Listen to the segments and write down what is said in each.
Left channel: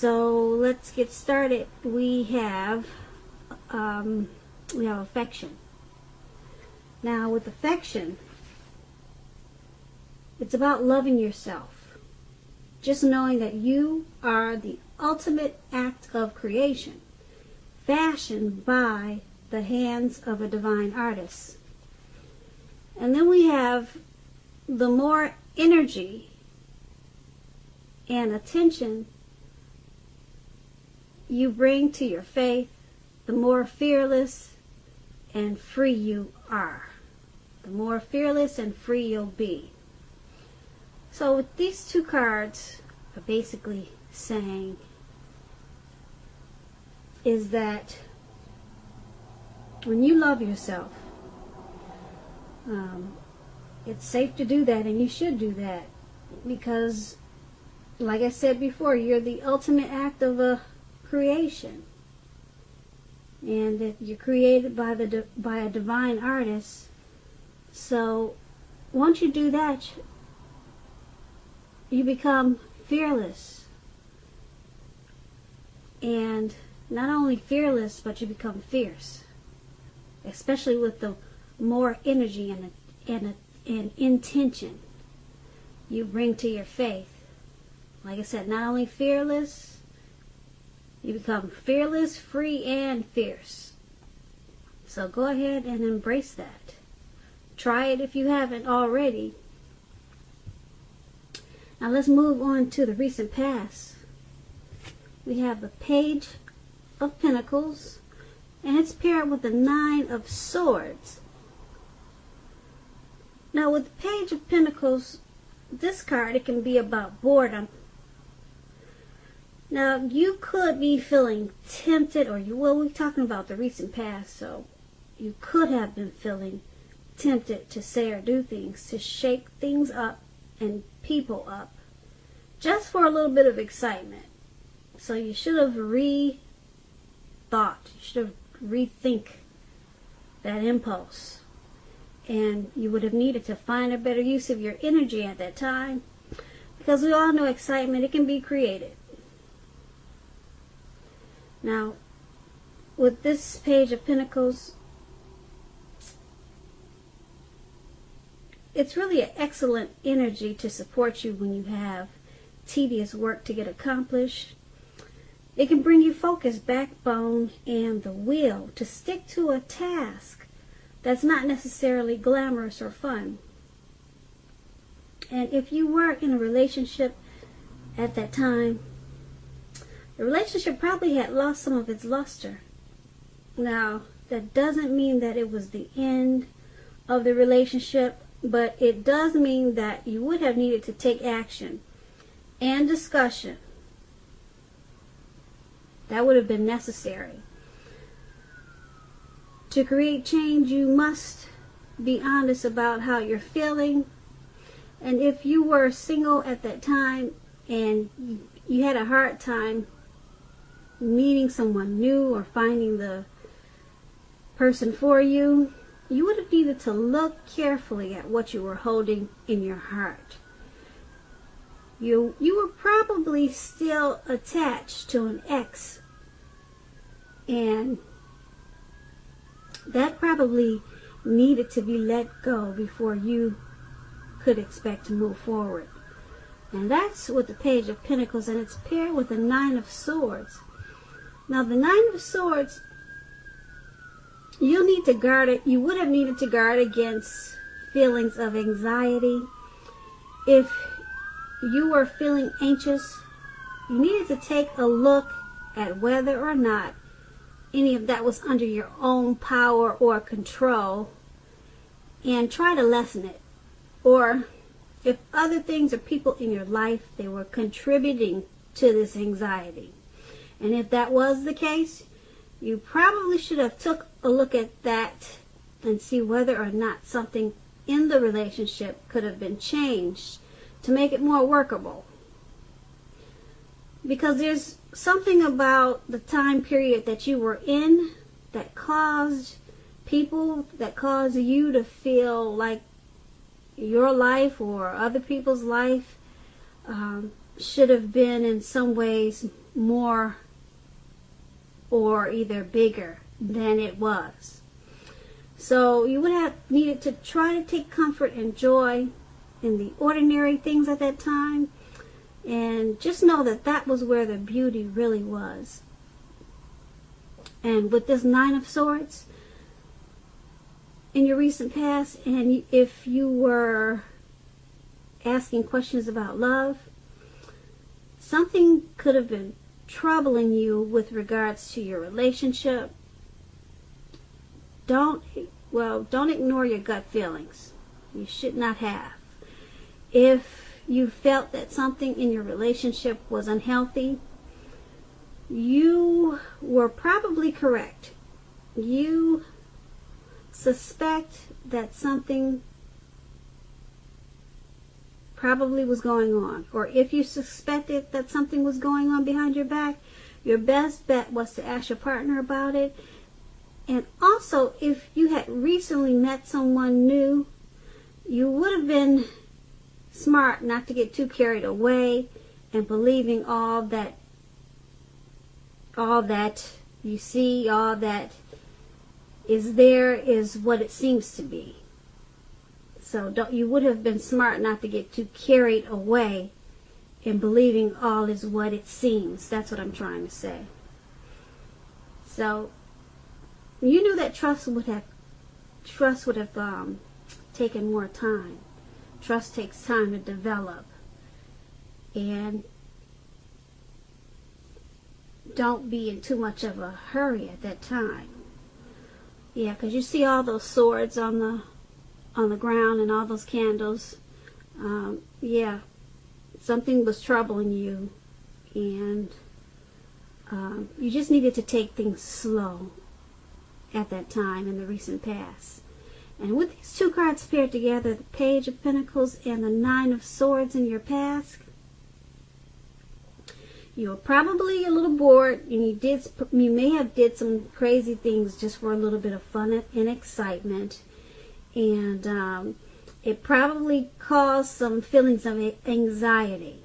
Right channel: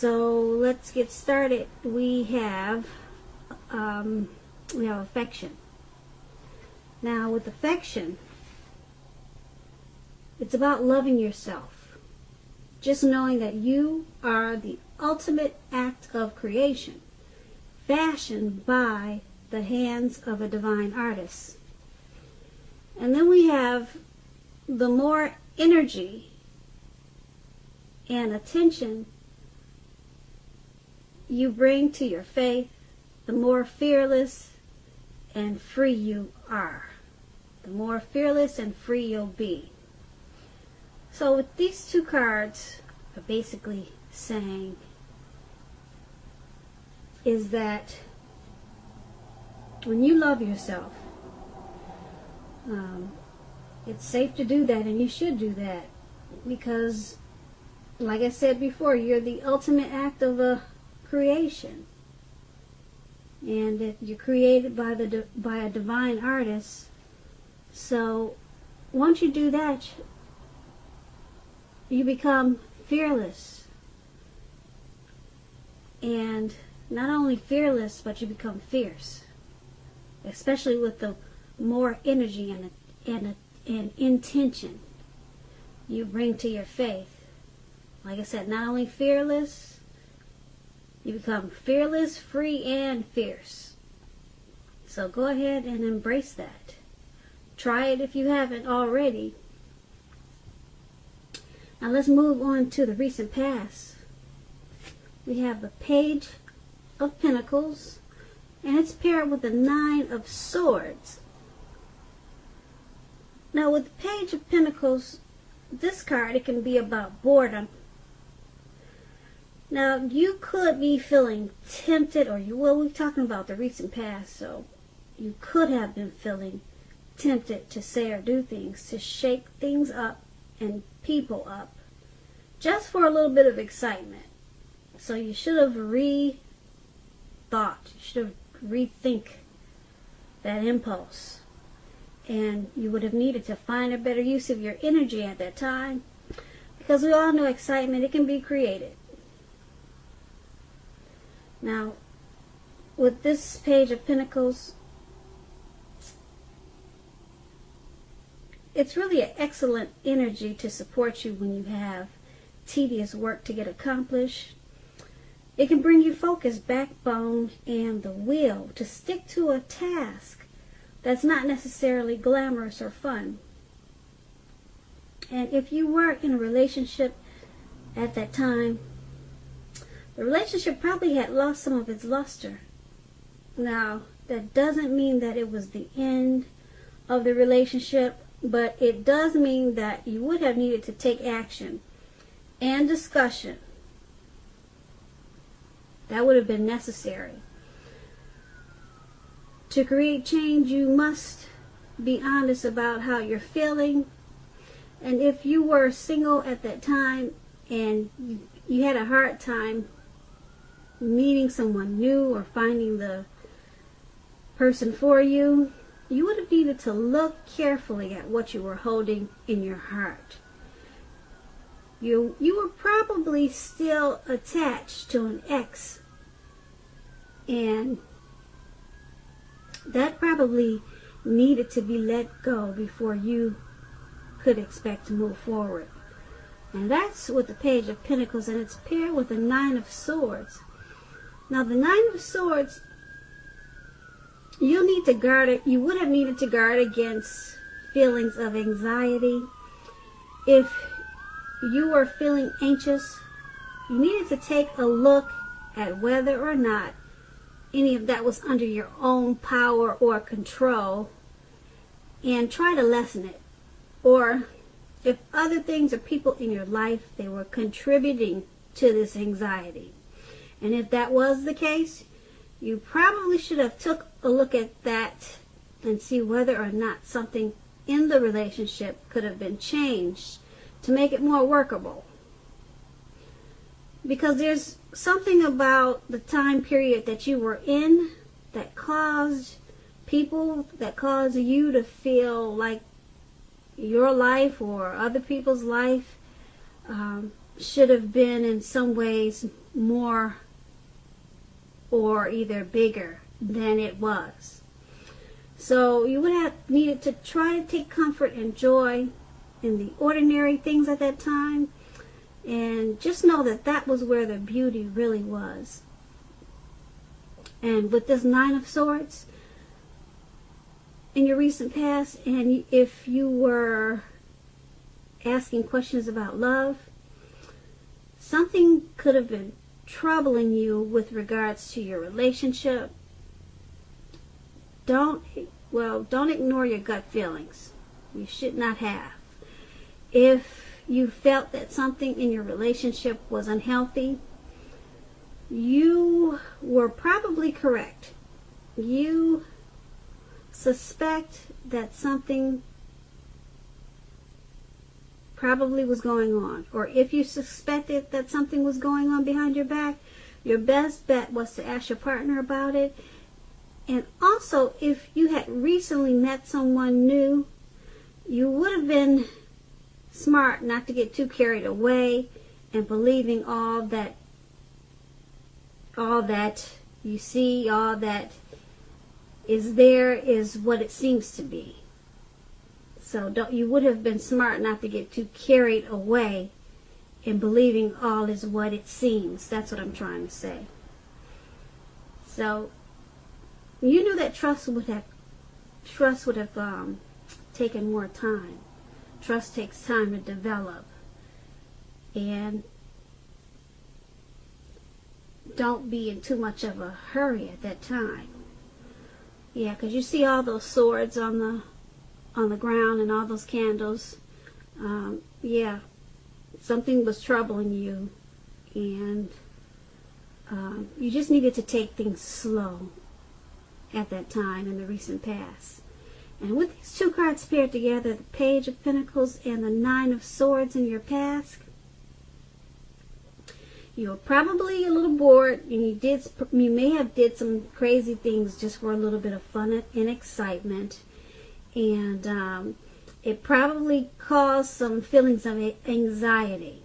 So let's get started. We have affection. Now with affection, it's about loving yourself. Just knowing that you are the ultimate act of creation, fashioned by the hands of a divine artist. And then we have the more energy and attention you bring to your faith, the more fearless and free you are. The more fearless and free you'll be. So with these two cards are basically saying is that when you love yourself, it's safe to do that, and you should do that, because like I said before, you're the ultimate act of a creation, and you're created by a divine artist. So once you do that, you become fearless, and not only fearless, but you become fierce, especially with the more energy and intention you bring to your faith. Like I said, not only fearless, you become fearless, free, and fierce. So go ahead and embrace that. Try it if you haven't already. Now let's move on to the recent past. We have the Page of Pentacles, and it's paired with the Nine of Swords. Now with the Page of Pentacles, this card, it can be about boredom. Now you could be feeling tempted, we're talking about the recent past, so you could have been feeling tempted to say or do things, to shake things up and people up, just for a little bit of excitement. So you should have rethink that impulse. And you would have needed to find a better use of your energy at that time, because we all know excitement, it can be created. Now, with this Page of Pentacles, it's really an excellent energy to support you when you have tedious work to get accomplished. It can bring you focus, backbone, and the will to stick to a task that's not necessarily glamorous or fun. And if you were in a relationship at that time, the relationship probably had lost some of its luster. Now, that doesn't mean that it was the end of the relationship, but it does mean that you would have needed to take action and discussion. That would have been necessary. To create change, you must be honest about how you're feeling. And if you were single at that time and you had a hard time meeting someone new or finding the person for you, you would have needed to look carefully at what you were holding in your heart. You were probably still attached to an ex, and that probably needed to be let go before you could expect to move forward. And that's with the Page of Pentacles, and it's paired with the Nine of Swords. Now the Nine of Swords, you would have needed to guard against feelings of anxiety. If you are feeling anxious, you needed to take a look at whether or not any of that was under your own power or control, and try to lessen it. Or if other things or people in your life, they were contributing to this anxiety. And if that was the case, you probably should have took a look at that and see whether or not something in the relationship could have been changed to make it more workable. Because there's something about the time period that you were in that caused you to feel like your life or other people's life should have been in some ways more or either bigger than it was. So you would have needed to try to take comfort and joy in the ordinary things at that time, and just know that that was where the beauty really was. And with this Nine of Swords in your recent past, and if you were asking questions about love, something could have been troubling you with regards to your relationship. Don't ignore your gut feelings. You should not have. If you felt that something in your relationship was unhealthy, you were probably correct. You suspect that something probably was going on. Or if you suspected that something was going on behind your back, your best bet was to ask your partner about it. And also, if you had recently met someone new, you would have been smart not to get too carried away and believing all that you see, all that is there is what it seems to be. So you would have been smart not to get too carried away in believing all is what it seems. That's what I'm trying to say. So you knew that trust would have taken more time. Trust takes time to develop. And don't be in too much of a hurry at that time. Yeah, because you see all those swords on the ground and all those candles. Yeah, something was troubling you, and you just needed to take things slow at that time in the recent past. And with these two cards paired together, the Page of Pentacles and the Nine of Swords in your past, you're probably a little bored, and you may have did some crazy things just for a little bit of fun and excitement, and it probably caused some feelings of anxiety.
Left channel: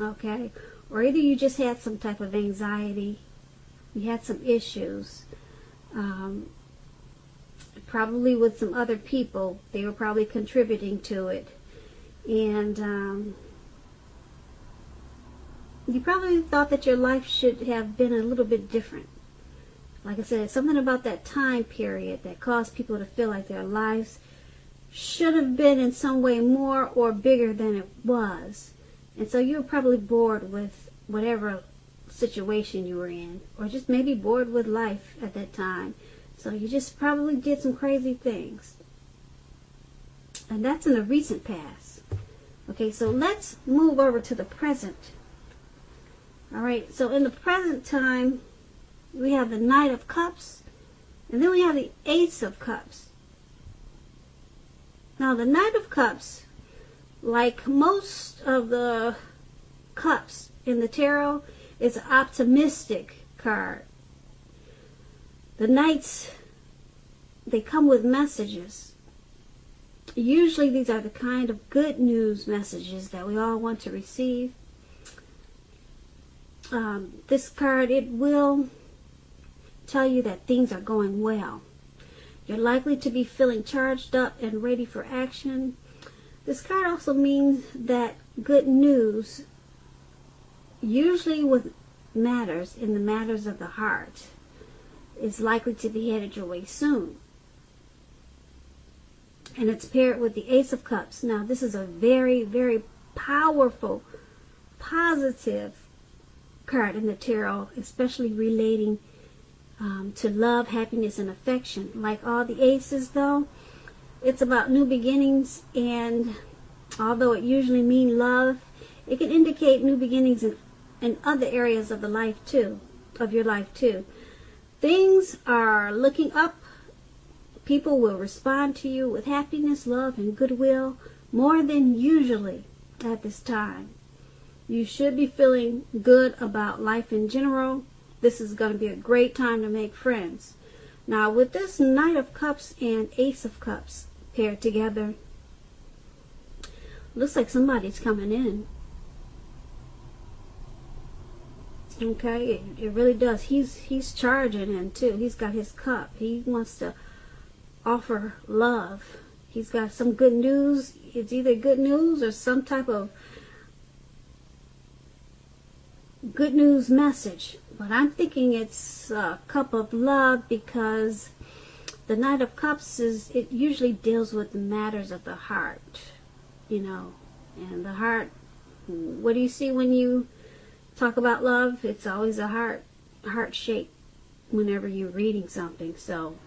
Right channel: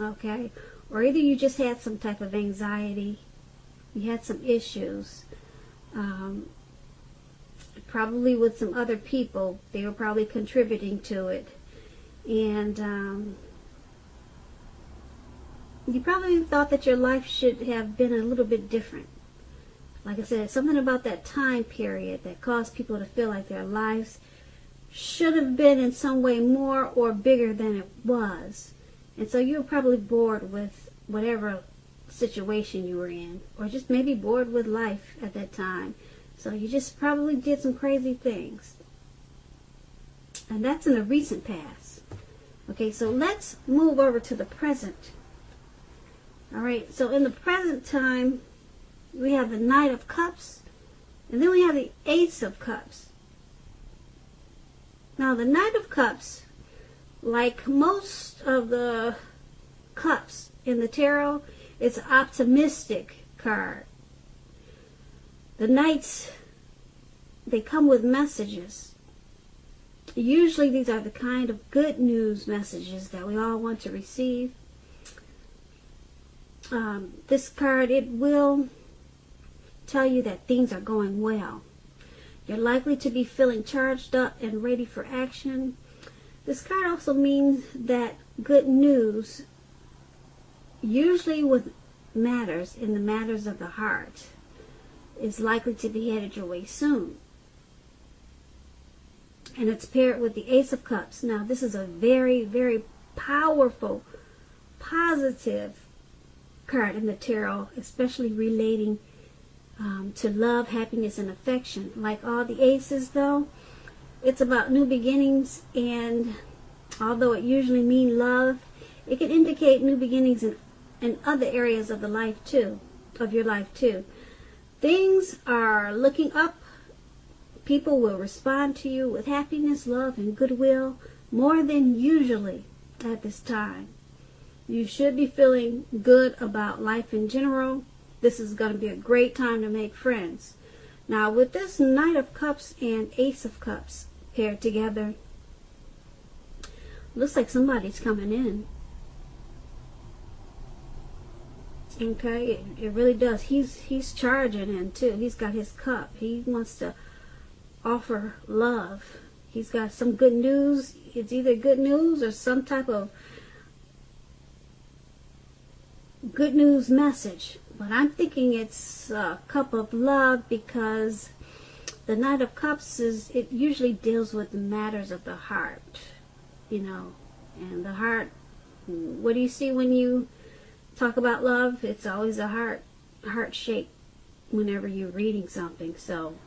Okay, or either you just had some type of anxiety, you had some issues, probably with some other people. They were probably contributing to it, and you probably thought that your life should have been a little bit different. Like I said, something about that time period that caused people to feel like their lives should have been in some way more or bigger than it was. And so you were probably bored with whatever situation you were in, or just maybe bored with life at that time. So you just probably did some crazy things. And that's in the recent past. Okay, so let's move over to the present. Alright, so in the present time, we have the Knight of Cups, and then we have the Ace of Cups. Now, the Knight of Cups, like most of the cups in the tarot, is an optimistic card. The Knights, they come with messages. Usually these are the kind of good news messages that we all want to receive. This card, it will tell you that things are going well. You're likely to be feeling charged up and ready for action. This card also means that good news, usually with matters in the matters of the heart, is likely to be headed your way soon. And it's paired with the Ace of Cups. Now, this is a very, very powerful, positive card in the tarot, especially relating to love, happiness, and affection. Like all the aces, though, it's about new beginnings, and although it usually means love, it can indicate new beginnings in other areas of your life too. Things are looking up. People will respond to you with happiness, love, and goodwill more than usually at this time. You should be feeling good about life in general. This is going to be a great time to make friends. Now, with this Knight of Cups and Ace of Cups paired together, looks like somebody's coming in. Okay, it really does. He's charging in too. He's got his cup. He wants to offer love. He's got some good news. It's either good news or some type of good news message. But I'm thinking it's a cup of love, because the Knight of Cups it usually deals with the matters of the heart, you know. And the heart, what do you see when you talk about love? It's always a heart shape whenever you're reading something. So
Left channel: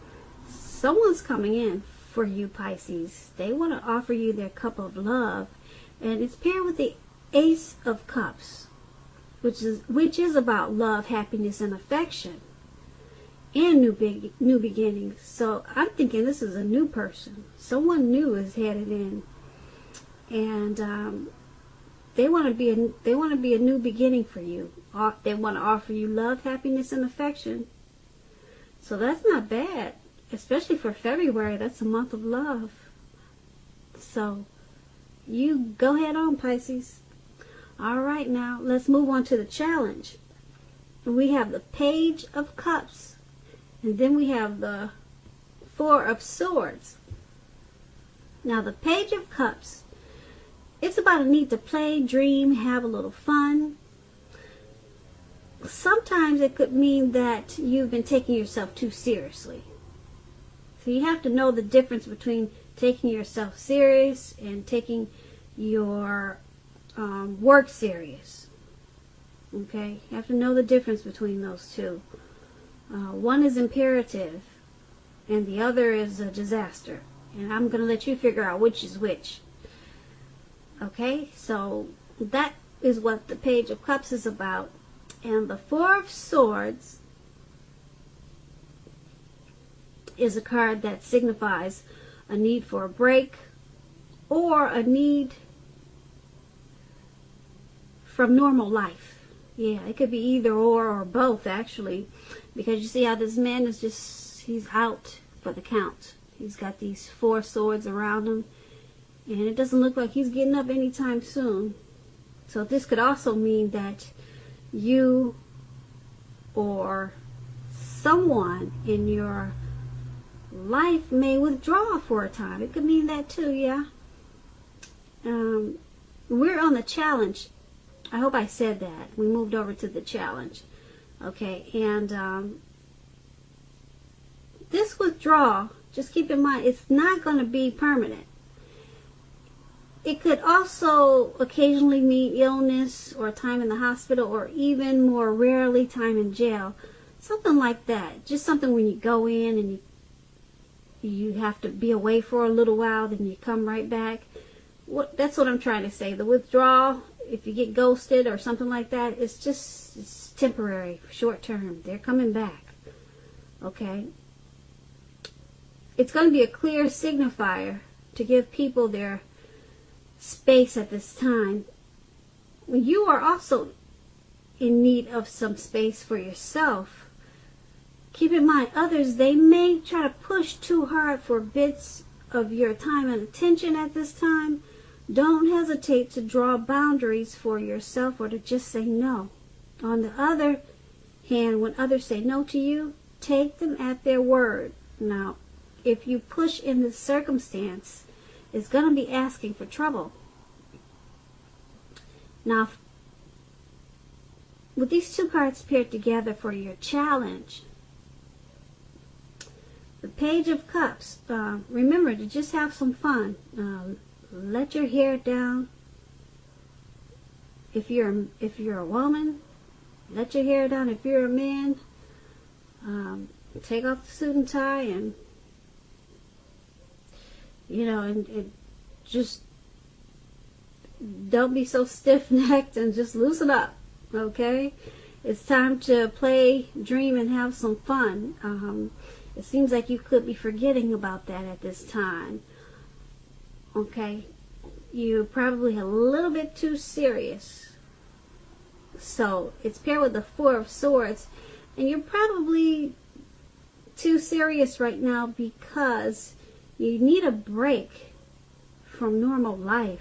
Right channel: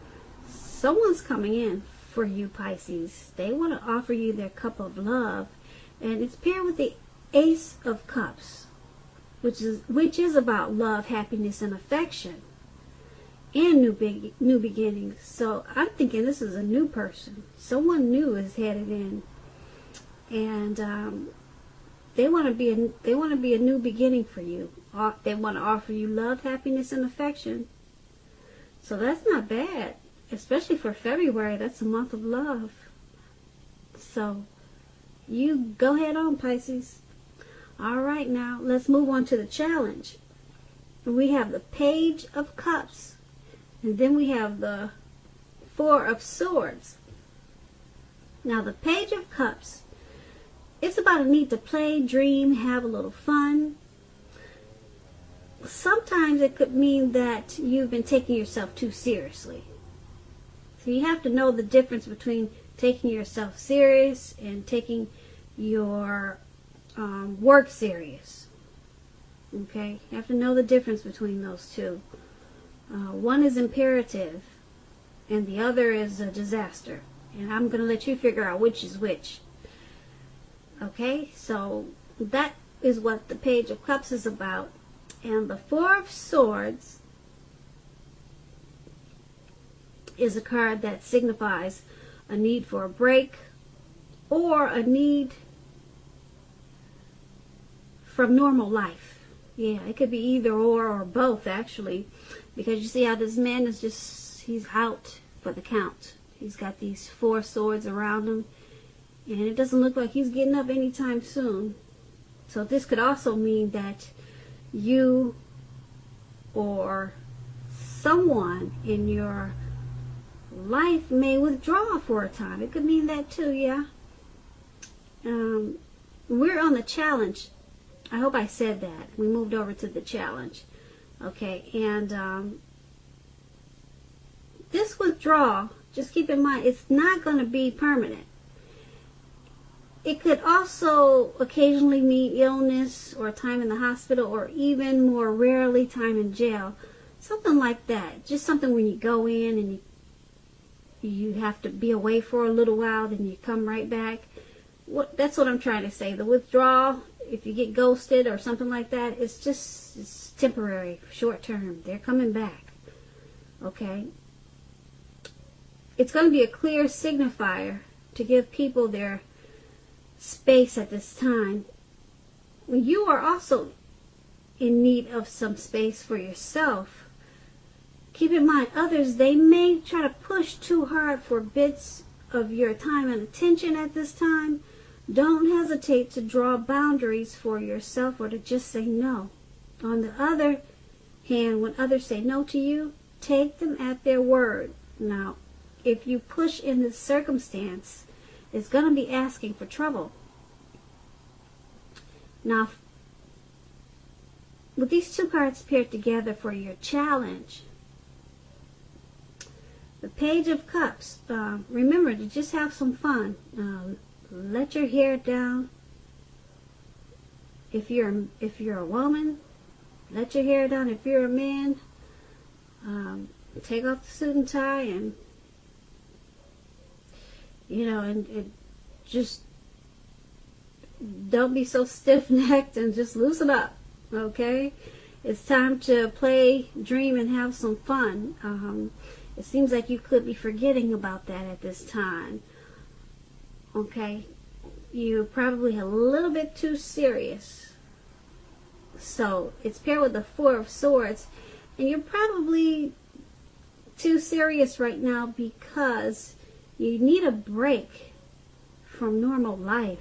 someone's coming in for you, Pisces. They want to offer you their cup of love, and it's paired with the Ace of Cups, which is about love, happiness, and affection, and new beginnings. So I'm thinking this is a new person. Someone new is headed in, and they want to be a new beginning for you. They want to offer you love, happiness, and affection. So that's not bad, especially for February. That's a month of love. So you go ahead on, Pisces. All right, now let's move on to the challenge. We have the Page of Cups, and then we have the Four of Swords. Now the Page of Cups, it's about a need to play, dream, have a little fun. Sometimes it could mean that you've been taking yourself too seriously. So you have to know the difference between taking yourself serious and taking your work serious. Okay? You have to know the difference between those two. One is imperative and the other is a disaster. And I'm going to let you figure out which is which. Okay? So that is what the Page of Cups is about. And the Four of Swords is a card that signifies a need for a break or a need from normal life. Yeah, it could be either or both, actually, because you see how this man is he's out for the count. He's got these four swords around him, and it doesn't look like he's getting up anytime soon. So this could also mean that you or someone in your life may withdraw for a time. It could mean that too, yeah. We're on the challenge. I hope I said that. We moved over to the challenge. Okay, and this withdrawal, just keep in mind, it's not going to be permanent. It could also occasionally mean illness or time in the hospital, or even more rarely time in jail. Something like that. Just something when you go in and you have to be away for a little while, then you come right back. That's what I'm trying to say. The withdrawal, if you get ghosted or something like that, it's temporary, short term. They're coming back. Okay? It's going to be a clear signifier to give people their space at this time. You are also in need of some space for yourself. Keep in mind, others, they may try to push too hard for bits of your time and attention at this time. Don't hesitate to draw boundaries for yourself or to just say no. On the other hand, when others say no to you, take them at their word. Now, if you push in this circumstance, it's going to be asking for trouble. Now, with these two cards paired together for your challenge, the Page of Cups, remember to just have some fun. Let your hair down. If you're a woman, let your hair down. If you're a man, take off the suit and tie, and and just don't be so stiff-necked, and just loosen up. Okay, it's time to play, dream, and have some fun. It seems like you could be forgetting about that at this time. Okay, you're probably a little bit too serious. So it's paired with the Four of Swords, and you're probably too serious right now because you need a break from normal life,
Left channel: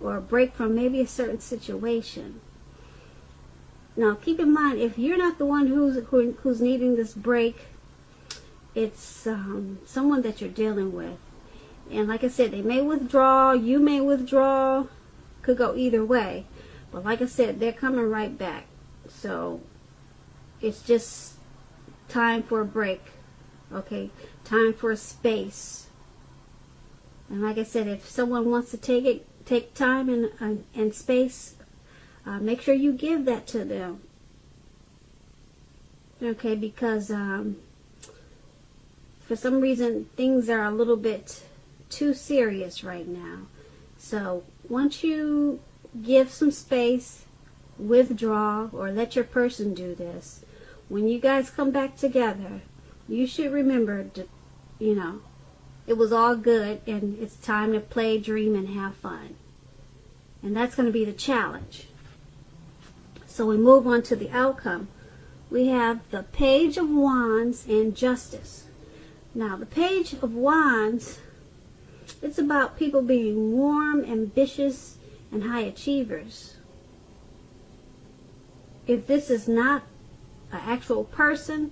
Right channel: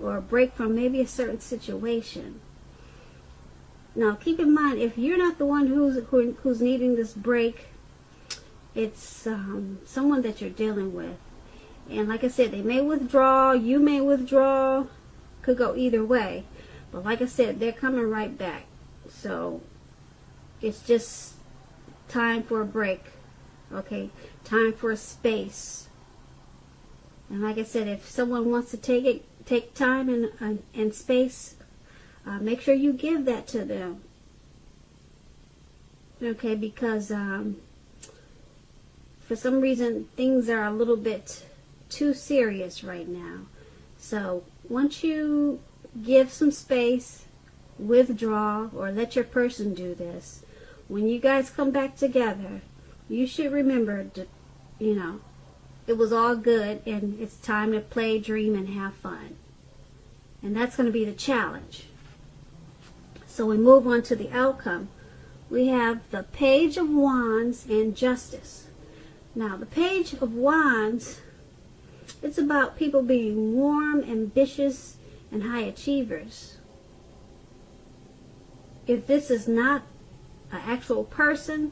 or a break from maybe a certain situation. Now, keep in mind, if you're not the one who's needing this break, it's someone that you're dealing with. And like I said, they may withdraw, you may withdraw, could go either way. But like I said, they're coming right back. So it's just time for a break, okay? Time for a space. And like I said, if someone wants to take time and space, make sure you give that to them. Okay, because for some reason things are a little bit too serious right now. So once you give some space, withdraw, or let your person do this, when you guys come back together, you should remember to, it was all good and it's time to play, dream, and have fun. And that's going to be the challenge. So we move on to the outcome. We have the Page of Wands and Justice. Now, the Page of Wands, it's about people being warm, ambitious, and high achievers. If this is not an actual person,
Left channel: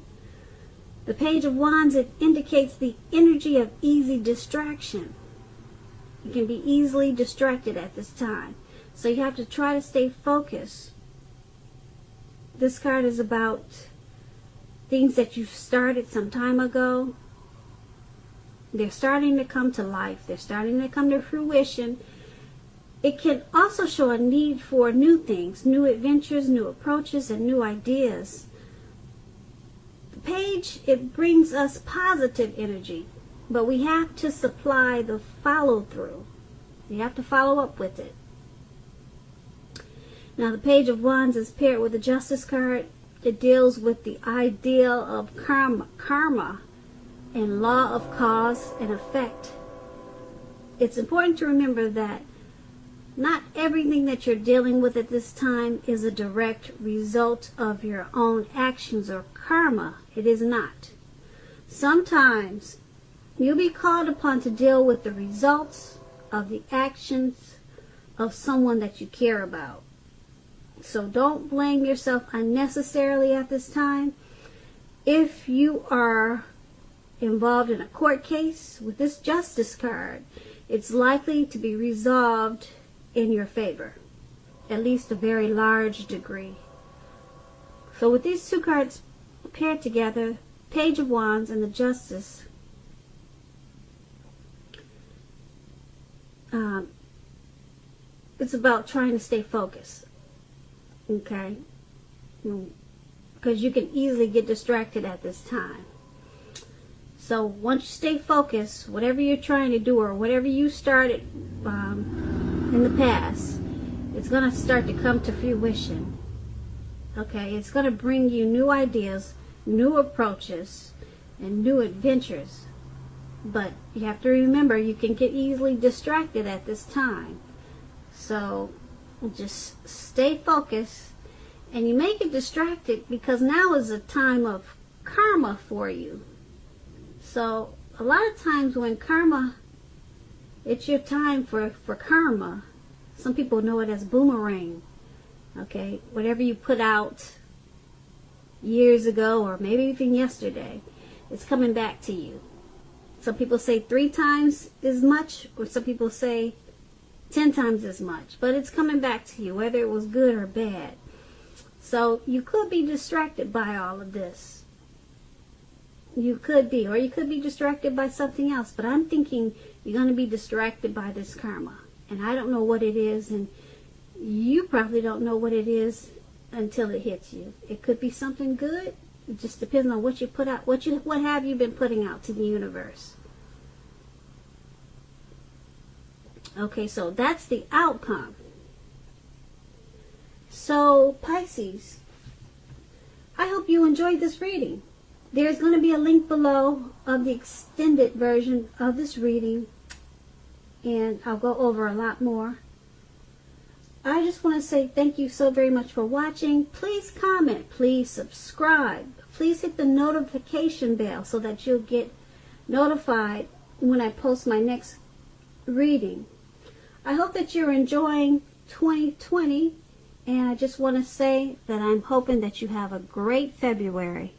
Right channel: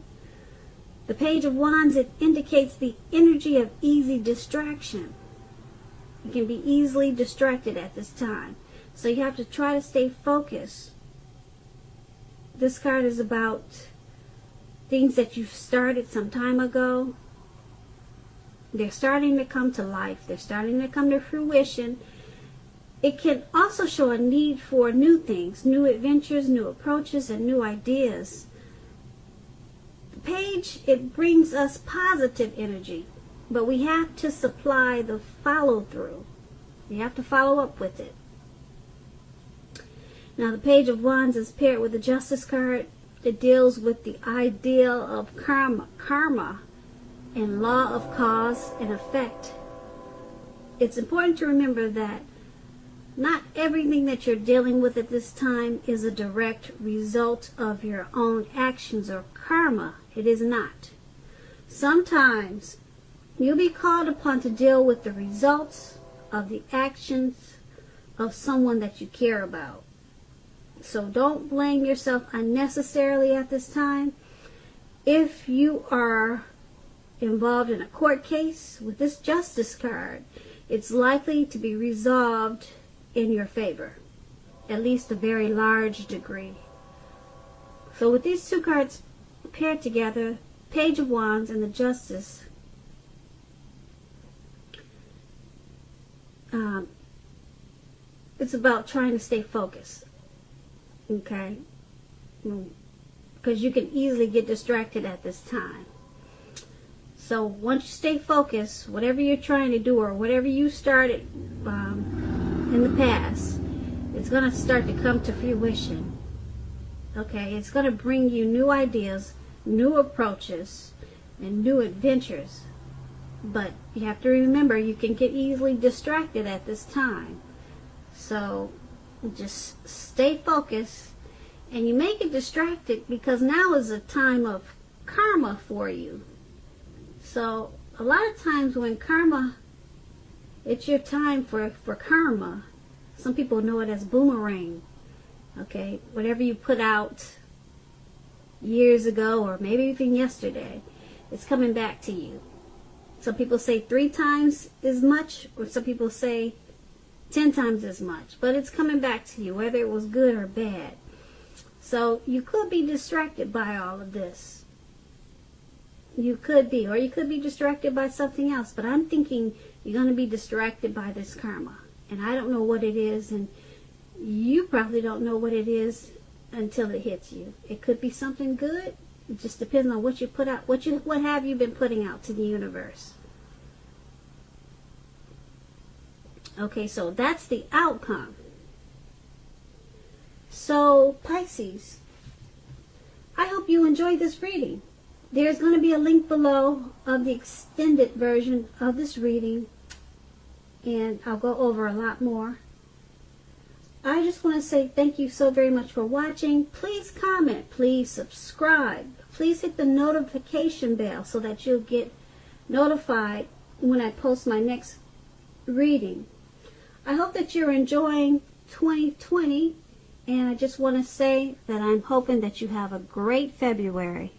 the Page of Wands, it indicates the energy of easy distraction. You can be easily distracted at this time. So you have to try to stay focused. This card is about things that you started some time ago. They're starting to come to life. They're starting to come to fruition. It can also show a need for new things, new adventures, new approaches, and new ideas. The page, it brings us positive energy, but we have to supply the follow-through. You have to follow up with it. Now, the Page of Wands is paired with the Justice card. It deals with the ideal of karma and law of cause and effect. It's important to remember that not everything that you're dealing with at this time is a direct result of your own actions or karma. It is not. Sometimes you'll be called upon to deal with the results of the actions of someone that you care about. So don't blame yourself unnecessarily at this time. If you are involved in a court case with this Justice card, it's likely to be resolved in your favor, at least a very large degree. So with these two cards paired together, Page of Wands and the Justice, it's about trying to stay focused. Okay? Because you can easily get distracted at this time. So once you stay focused, whatever you're trying to do or whatever you started in the past, it's going to start to come to fruition. Okay? It's going to bring you new ideas, new approaches, and new adventures. But you have to remember, you can get easily distracted at this time. So just stay focused, and you may get distracted because now is a time of karma for you. So a lot of times when karma, it's your time for karma. Some people know it as boomerang. Okay, whatever you put out years ago or maybe even yesterday, it's coming back to you. Some people say 3 times as much, or some people say 10 times as much, but it's coming back to you, whether it was good or bad. So you could be distracted by all of this. You could be, or you could be distracted by something else, but I'm thinking you're going to be distracted by this karma. And I don't know what it is, and you probably don't know what it is until it hits you. It could be something good. It just depends on what you put out. What have you been putting out to the universe? Okay, so that's the outcome. So, Pisces, I hope you enjoyed this reading. There's going to be a link below of the extended version of this reading, and I'll go over a lot more. I just want to say thank you so very much for watching. Please comment, please subscribe, please hit the notification bell so that you'll get notified when I post my next reading. I hope that you're enjoying 2020 And I just want to say that I'm hoping that you have a great February.